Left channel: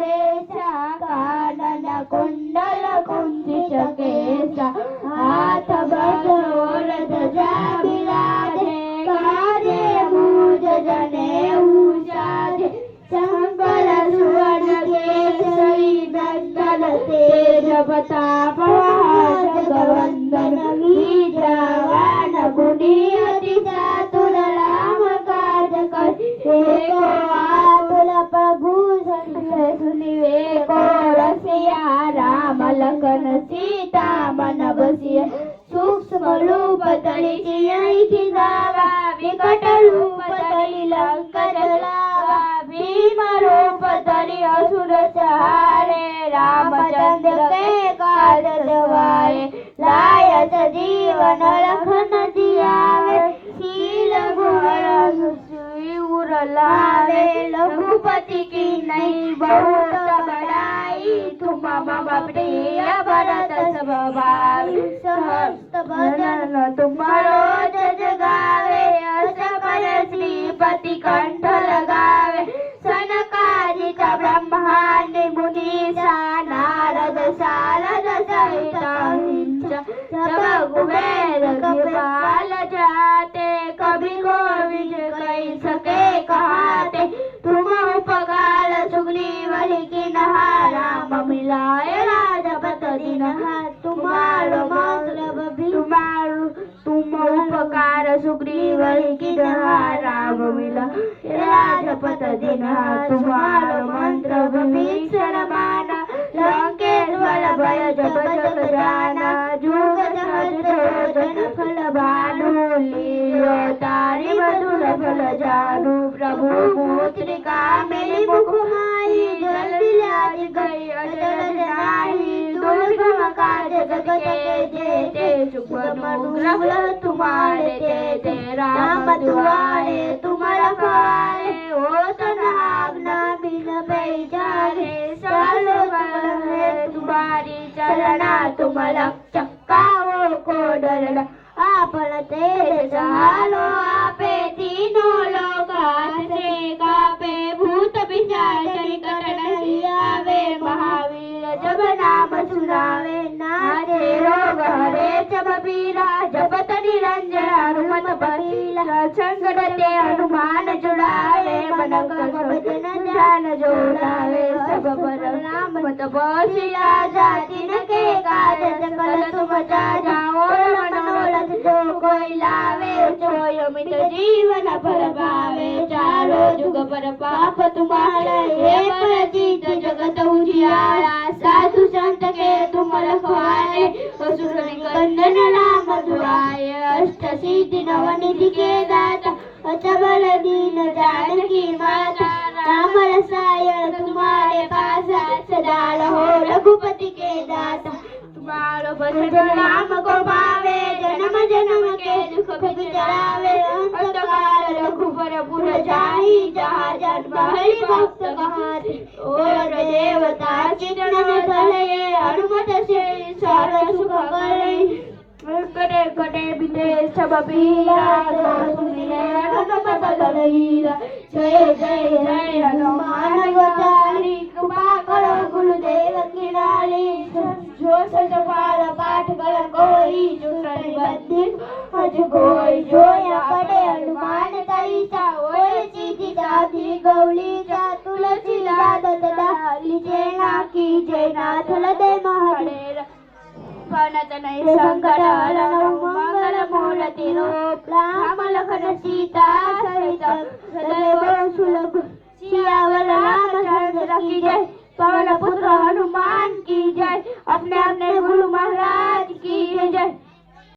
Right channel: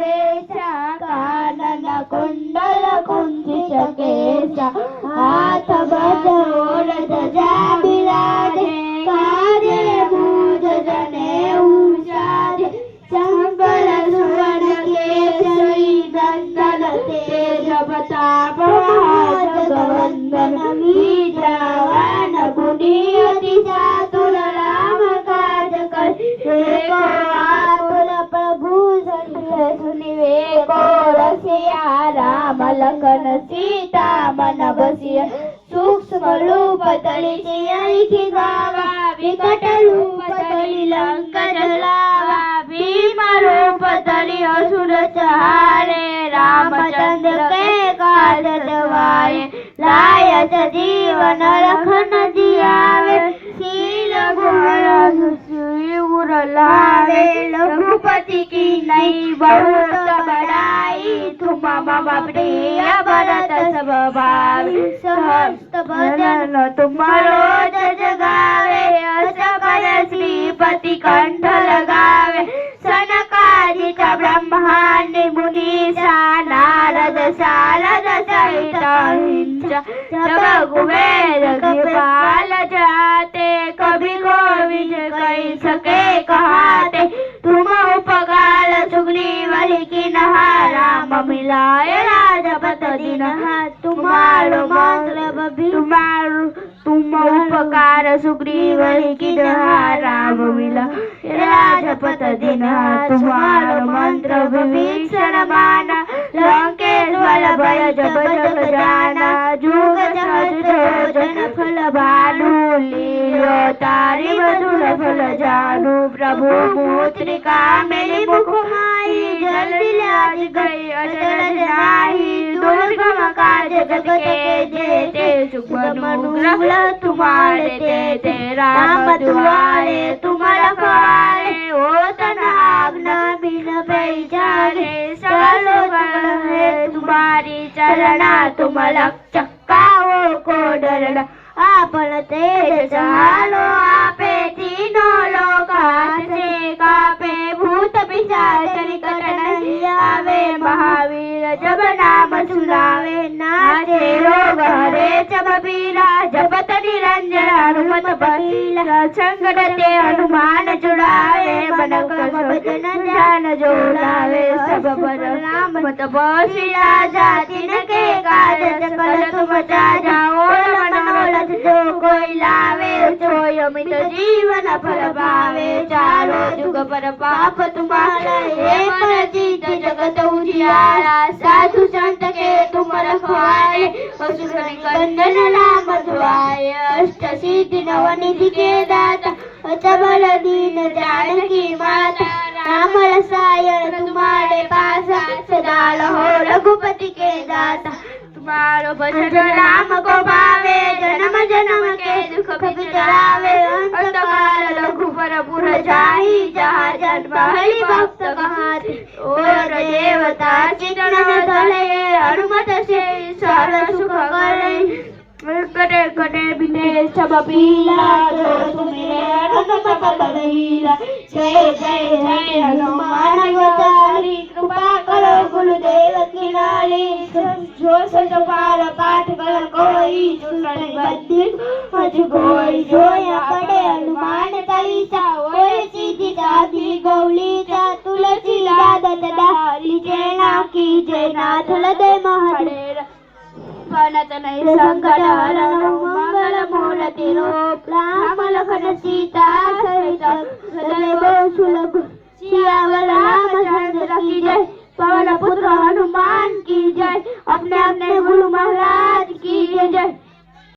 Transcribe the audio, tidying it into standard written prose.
शुभेच्छा कानन कुंडल कुंचित केशा हाथ बजोर ध्वजा विराजे काजे भुज जनेऊ साजे शंकर सुवर्ण केसरी नंदन तेज प्रताप जगवंदन विद्यावान गुणी अति चातुर राम काज करे आतुर प्रभु सुनिवे को रसिया राम लखन सीता मन बसिया सूक्ष्म रूप धरि सिंह गावा विकट रूप धरि लंका जलावा भीम रूप धरि असुर संहारे रामचंद्र के काज सवारे लायत जीवन लखन जियावे शील गुण सुर लावे रघुपति की नई बहुत बड़ाई तुम मम प्रिय भरत सब भाई सहस्त भजन तुम्हारो जग गावे अष्टभर श्रीपति कंठ लगावे सनकादिक ब्रह्मांडि मुनीसा नारद शारद सहित अहिंसा जब कुबेर कृपाल जाते कभी गोविंद कही सके कहाते तुम उपकार सुग्रीव किन्हा राम मिलाए राजपथ दीन्हा तुम्हारो मंत्र तुम उपकार सुग्रीव किन्हा राम मिलाए राजपथ दीन्हा तुम्हारो मंत्र विभीषण माना लंकेश्वर भय जब जग जाना जुग जन फल भानु लीलो तारी मधुर फल जानू प्रभु पुत्रिका मेरी मुख माई जल्दी लाज गई अचरज नाही दुर्गम काज जग के जेते सुख अनुग्रह तुम्हारे ते राम दुआरे तुम्हारा पाए ओ तन आज्ञा बिन बेजारे चलो है तुम्हारी चलना तुम रक्षक काओ को डरना आपण तेज चालो आपे तीनों लोग हाथ से कापे भूत पिशाच निकट नहीं आवे महावीर जब नाम सुनावे नाचे रोग हरे जब पीरा जपत निरंजन हनुमत बलीला संकट ते हनुमान जुड़ावे मन भजन ध्यान जोड़ावे सब पर नाम मत बसिला जाति न के काज सकल तुम जाओ मनोरथ जो कोई लावे सोय अमित जीवन फल पावे चारों जुग पर पाप तुम्हारे हे पर जीत जगत उजियारा साधु संत के तुम रखवारे असुर निकंदन नाम धुआए अष्ट सिद्धि नवनिधि के दाता अचबल दीन जानकी माता राम रसायन तुम्हारे पासा सदा रहो रघुपति के दाता तुम्हारो भजन राम को पावे जन्म जन्म के दुख बिसरावे अंतकाल रघुबर पुर जाहि जहाँ जन्म हरि भक्त कहाते और देवता चित्तन धरे हनुमत से सर्व सुख करे करे करे बिने सब पीला जो तुम्हें हनुमत बलहीरा जय जय जय हनुमान अवतारी कृपा करो गुरुदेव की नारी जो सतपाल पाठ कर कोई जुटन बद्धित हज कोई जो या पड़े हनुमान चालीसा ओए सीधी साधी गौलीचा तुलसी आदत डाली जय ना की जय नाथ हृदय महादेव नहीं संकट हरण मंगल मूर्ति रूप राम